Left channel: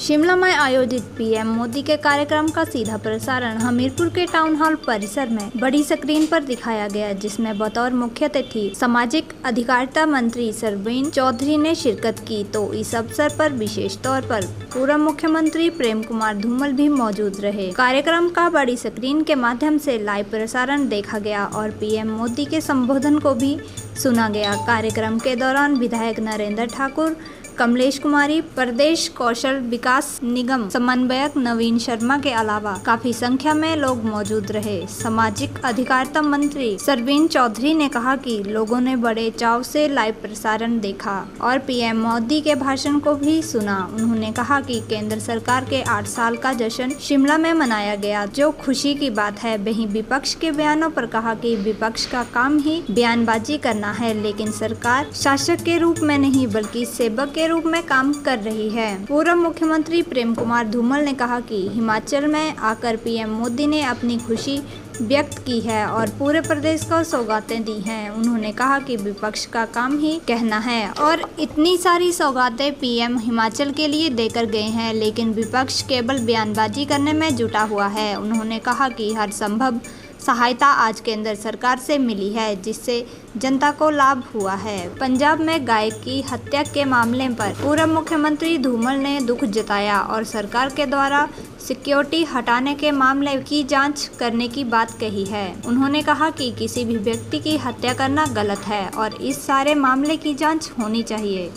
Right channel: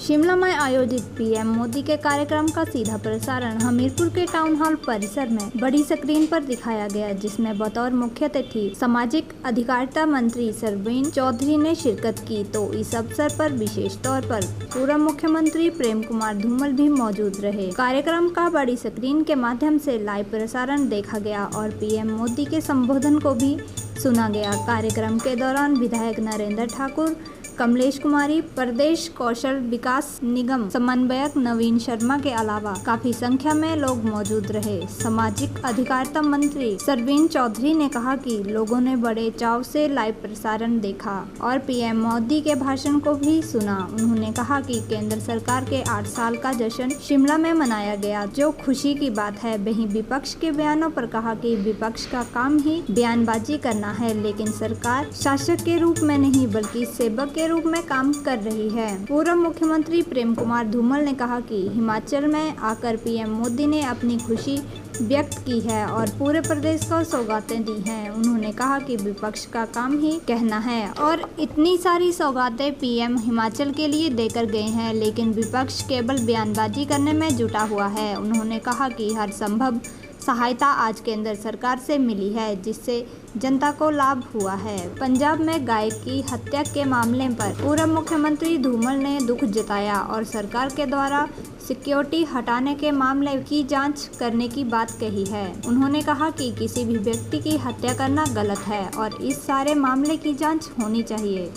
शिमला में आयोजित पीएम मोदी के कार्यक्रम का सीधा प्रसारण हमीरपुर के टाउन हॉल परिसर में बड़ी स्क्रीन पर दिखाया गया, जिसमें बतौर मुख्य अतिथि सामाजिक अधिकारिता मंत्री सरवीन चौधरी ने शिरकत की। तो इस अवसर पर विशेष तौर पर पूर्व मुख्यमंत्री प्रेम कुमार धूमल भी मौजूद रहे। कार्यक्रम का बड़ी स्क्रीन के माध्यम से लाइव प्रसारण देखा गया और पीएम मोदी के संबोधन को भी सुना गया। कार्यक्रम के दौरान विधायक नरेंद्र ठाकुर, कमलेश कुमारी, प्रदेश कौशल विकास निगम समन्वयक नवीन शर्मा के अलावा काफी संख्या में लोग मौजूद रहे। सामाजिक अधिकारिता मंत्री सरवीन चौधरी ने कहा कि लोगों ने बड़े चाव से लाइव प्रसारण देखा और पीएम मोदी के भाषण को भी सुना। उन्होंने कहा कि केंद्र सरकार के 8 साल का जश्न शिमला में मनाया गया, जो खुशी की बात है। वहीं विपक्ष के बयानों पर कहा कि विपक्ष का काम ही बयानबाजी करना है, लेकिन सरकार शासक के रूप में नहीं बल्कि सेवक के रूप में काम कर रही है। पूर्व मुख्यमंत्री प्रेम कुमार धूमल ने कहा कि हिमाचल में आकर पीएम मोदी ने अपनी खुशी व्यक्त की है और पूरे प्रदेश को सौगातें दी हैं। उन्होंने कहा कि विपक्ष का काम ही कहना है और इतनी सारी सौगातें पीएम हिमाचल के लिए देकर गए हैं, लेकिन विपक्ष केवल बयानबाजी करने में जुटा हुआ है। उन्होंने कहा कि हर संभव सहायता आज केंद्र सरकार से मिली है, जिससे जनता को लाभ हुआ है। पंजाब में गाय की हत्या के मामले पर पूर्व मुख्यमंत्री धूमल ने दुख जताया और सरकार के द्वारा सिक्योरिटी हटाने के मामले की जांच करने की बात कही है। उन्होंने कहा कि किसी भी व्यक्ति की हत्या करना गलत है और इस सारे मामले की जांच होनी चाहिए।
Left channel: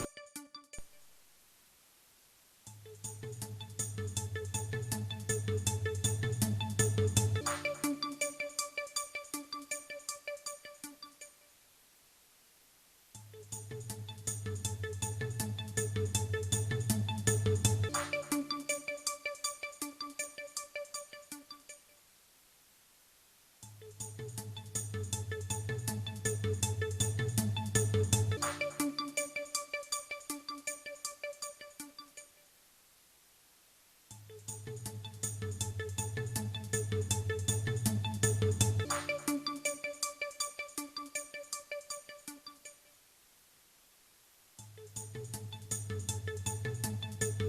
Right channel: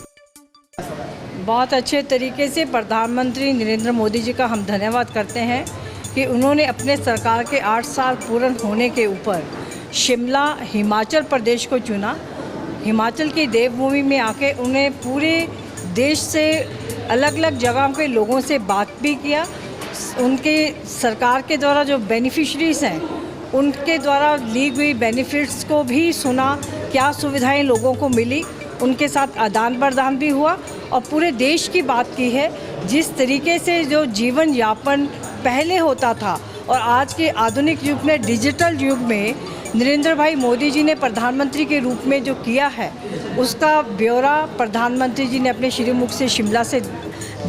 बहुत अच्छे तरीके से प्रधानमंत्री नरेंद्र मोदी जी का हम धन्यवाद करते हैं कि उन्होंने अपने सरकार के 8 साल पूर्ण होने के ऊपर शिमला हिमाचल प्रदेश को चुना। हिमाचल की देवभूमि में आके उन्हें पूरे देश से अलग अलग जगहों के लोगों से बात भी किया। उनके सरकार के द्वारा जो बेनिफिशरीज़ हैं उनके द्वारा ली हुई बेनिफिट्स को भी सुना, क्या सुविधाएं लोगों को मिली, उनके साथ आदान प्रदान भी हुआ और पूरे देश की बात की है। जिस तरीके से जो जीवन यापन पहले होता था और आज के आधुनिक युग में, डिजिटल युग में नरेंद्र भाई मोदी जी ने प्रधानमंत्री के रूप में जो किया है, उसका ब्यौरा प्रधानमंत्री जी ने अपने श्रीमुख से शिमला से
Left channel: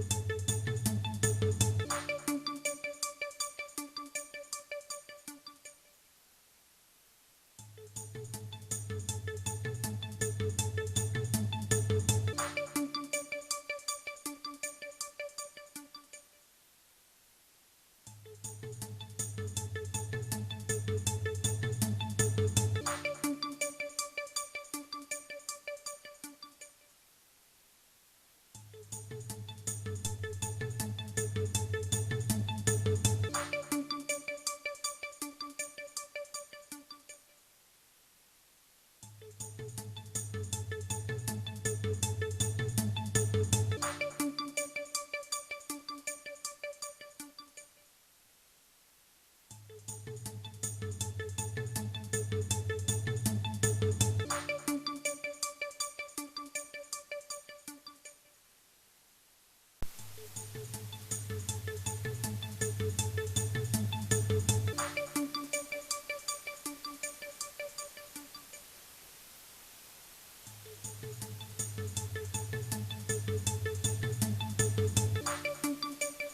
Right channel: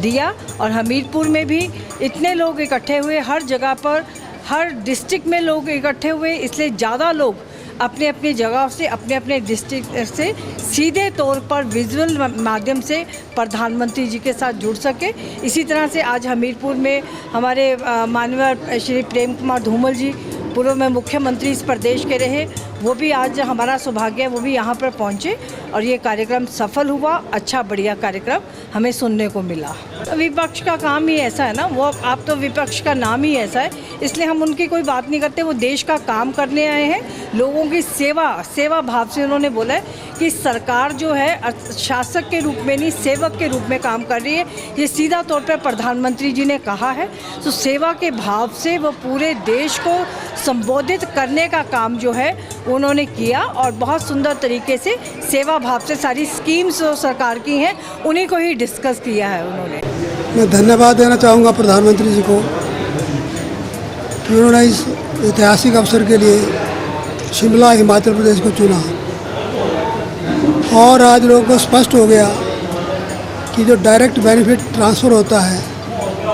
दिया। और हमीरपुर में भी इतने लोग इकट्ठे हुए, हर जगह पर, हर डिस्ट्रिक्ट में लोग इकट्ठे हुए, इसलिए ज़्यादा लोग अपने अपनी जगह से, अपने अपने डिस्ट्रिक्ट से सीधे तौर पर विजुअल माध्यम से प्रधानमंत्री जी के साथ जुड़ सके। इसी तरह से आज हमीरपुर में हमारे माननीय श्री प्रेम कुमार धूमल जी पूर्व में मुख्यमंत्री इस प्रदेश के रहे, वो भी आज हमारा सौभाग्य है वो भी यहाँ पर पहुँचे और ये कार्यक्रम सफल हुआ। अच्छा बढ़िया कार्यक्रम हमें सुनने को मिला। विपक्ष का काम ही ऐसा है ना, वो आप तो विपक्ष का नाम ही ऐसा है, इसलिए हम उनकी कोई बात नहीं करते। वो देश का काम करने आए हैं, लोगों की सेवा भाव से उन्होंने बोला है कि सरकार जो है शासक के रूप में नहीं सेवक के रूप में काम कर रही है। ये सीधा तौर पर प्रधानमंत्री जी ने कहा है, तो सेवा के भाव से वो पूरे देश को संबोधित करने का काम जो है उन्होंने किया और बहुत सुंदर तरीके से सेवा भाव से सारी स्कीम्स जो सरकार की हैं उन्हीं को ही डिस्कस किया है उन्होंने। मैं धन्यवाद देना चाहूँगा प्रधानमंत्री जी को कि उन्होंने इस ऐतिहासिक अवसर के लिए शिमला हिमाचल प्रदेश को चुना और आज लोगों को स्पष्ट हो गया कि जो डायरेक्ट बेनिफिट ट्रांसफ़र होता है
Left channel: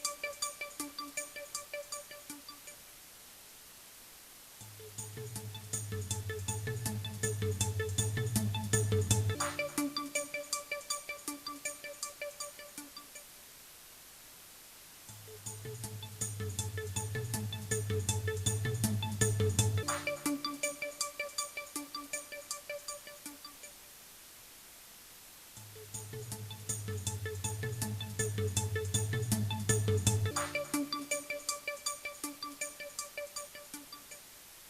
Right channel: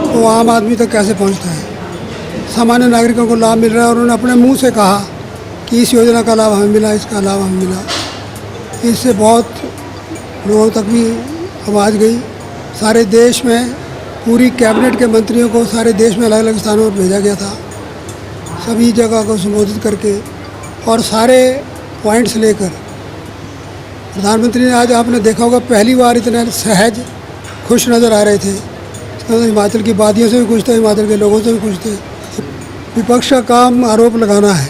वो आम आदमी तक कैसे पहुंचता है, सामान्य नागरिकों को लाभ मिल रहा है। और उन्होंने अपने मुंह से कहा कि इस योजना का लाभ हमें मिला, इसका लाभ हमें मिला। इससे बहुत लोगों तक भी आवाज़ गई। सारे देश में पूरी कैबिनेट के मंत्रियों को सारे देश में अलग अलग स्थानों पर भेजा गया था, सभी जगह को संबोधित करके और सारे पॉइंट्स लेकर प्रधानमंत्री ने, आज आपने देखा होगा पहली बार इतने सहज खुश नज़र आ रहे थे। तो हिमाचल की वादियों से भी खुश थे, हिमाचल के लोगों से भी खुश थे। विपक्ष का काम आरोप लगाना है।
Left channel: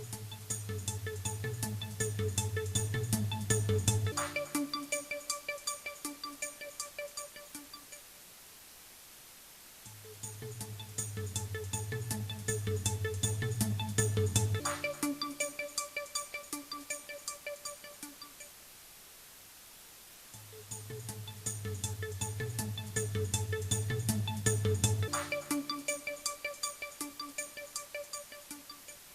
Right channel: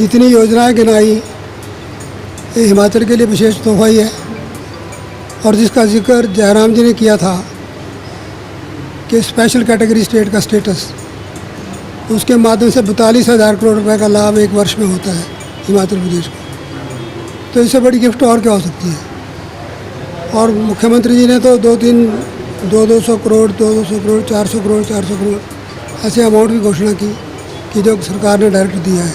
इतनी योजनाएं गिनाई, ये हिमाचल के लिए विशेष तोहफा ही है। और जिसका जिक्र जयराम जी ने किया था कि स्पेशल कैटेगरी स्टेट का स्टेटस, उसके माध्यम से 42,000 करोड़ रुपए का लाभ एक वर्ष में होता है हिमाचल प्रदेश को। तो इससे बड़ी गिफ्ट और क्या हो सकती है। और मुख्यमंत्री जी ने तो 200 करोड़ 400 करोड़ ऐसे अमाउंट की घोषणा की कि जो सरकार ने डायरेक्ट दिया है।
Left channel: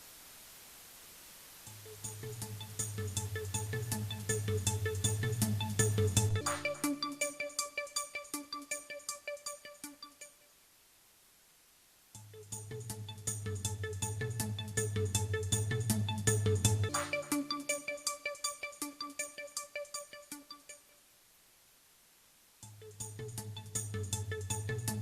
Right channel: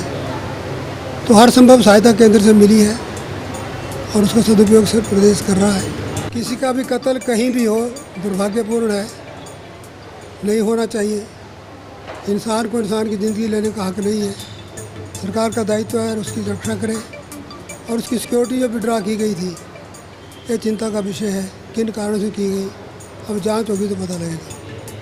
तो हर संभव सहायता केंद्र से मिली है और उसका सदुपयोग से प्रदेश कर रहा है। किसी का भी कत्ल कहीं भी हो दुर्भाग्यपूर्ण है, नहीं होना चाहिए। इंसान को इंसान की ज़िंदगी लेने का हक नहीं है। सरकार का दायित्व है उसकी रक्षा करे। और उसकी सिक्योरिटी जो विड्रॉ की गई थी, ये चिंता का विषय है। किन कारणों से की गई, अब जांच होगी तो पता लगेगा।